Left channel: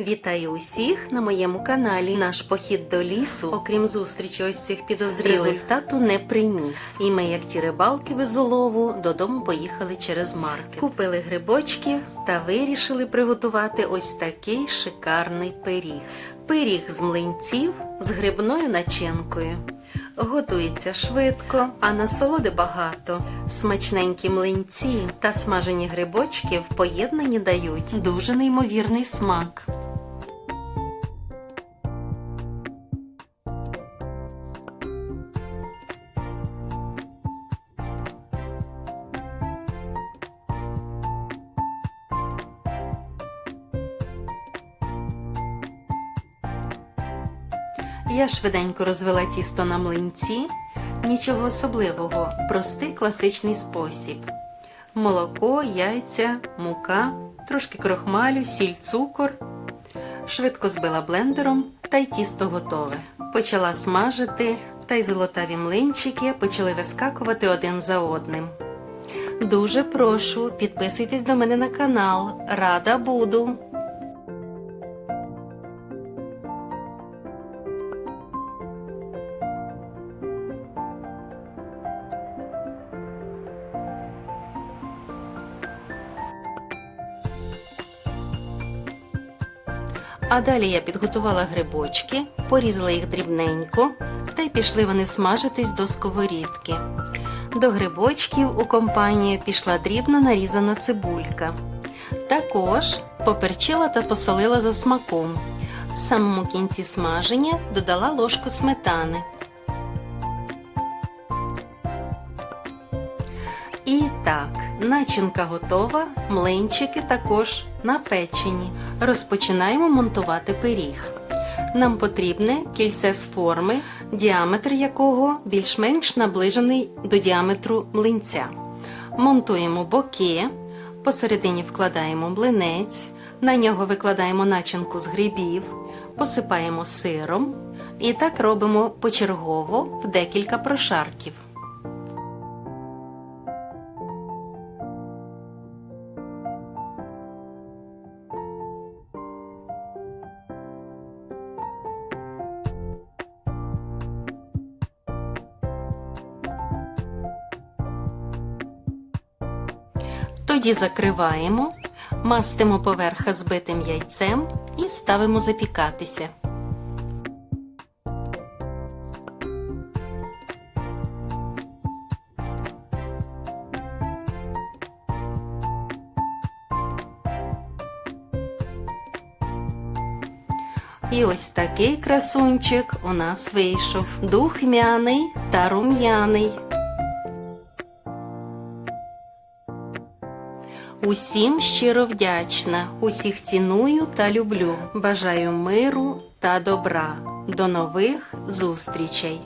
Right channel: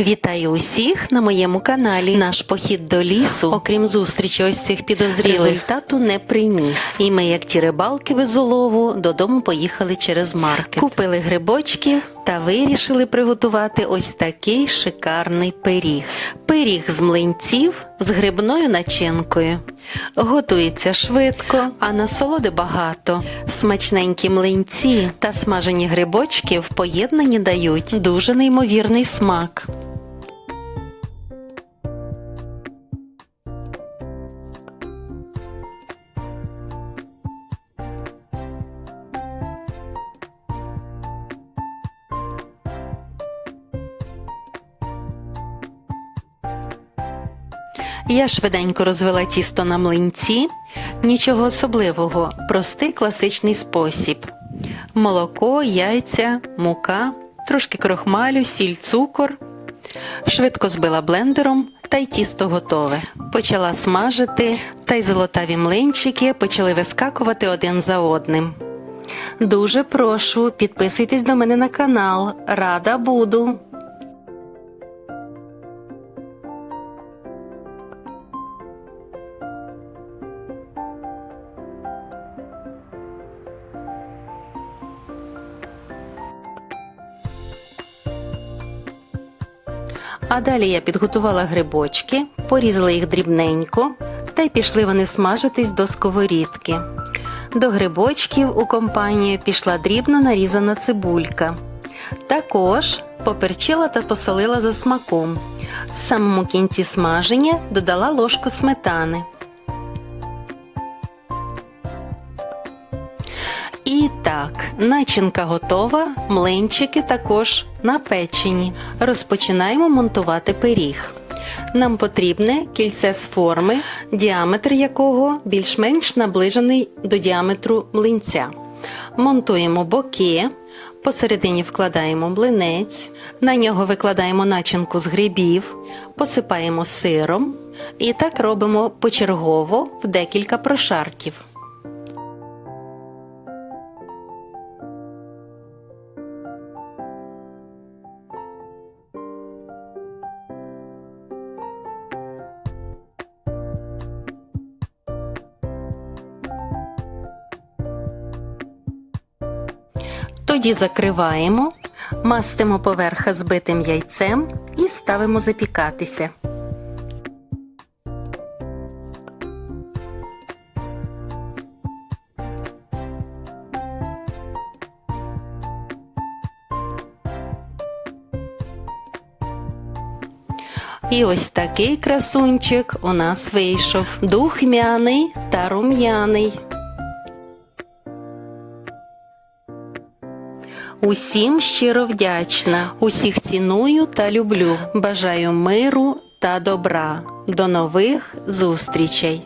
Вітаю усіх на моєму каналі. Наш похід до лісу, окрім зустрічі ось цих підозрілих, результату не приніс. І ми, як ті рибалки без улову, додому поїхали через маркет. Купили грибочки та вирішили приготувати ось такий шикарний пиріг. Пиріг з млинців з грибною начинкою. Готується швидко, а насолоди багато. Смачненькі млинці та смажені грибочки в поєднанні дають дуже неймовірний смак. Я швиденько розвела тісто на млинці. Нічого особливого, простий класичний спосіб: молоко, яйця, мука, трошки крохмалю, сіль, цукор. Швидко збила блендером, та й тісто готове. Почала смажити, та й золотаві млинчики почали вискакувати один за одним. Дуже прошу, підписуйтесь до мене на канал. Рада буду. А далі я підготувала грибочки, порізала їх дрібненько, та й пішли вони смажитись до сковорідки. До грибочків у компанію пішла дрібно нарізана цибулька. Також поперчила та посолила за смаком. В самому кінці смаження додала ложку сметани. І так, начинка готова, млинчики також напечені. Розпочинаємо монтувати пиріг. Нам потрібне кільце з форми, діаметр якого більш-менш наближений до діаметру млинця. Монтуємо боки, посередині вкладаємо млинець, на нього викладаємо начинку з грибів, посипаємо сиром і так робимо почергово в декілька прошарків. Тоді закриваємо, мастимо поверха збитим яйцем і ставимо запікатися. І ось такий красунчик у нас вийшов духмяний та рум'яний. Усім щиро вдячна, усіх ціную та люблю. Бажаю миру та добра. До нових зустрічей!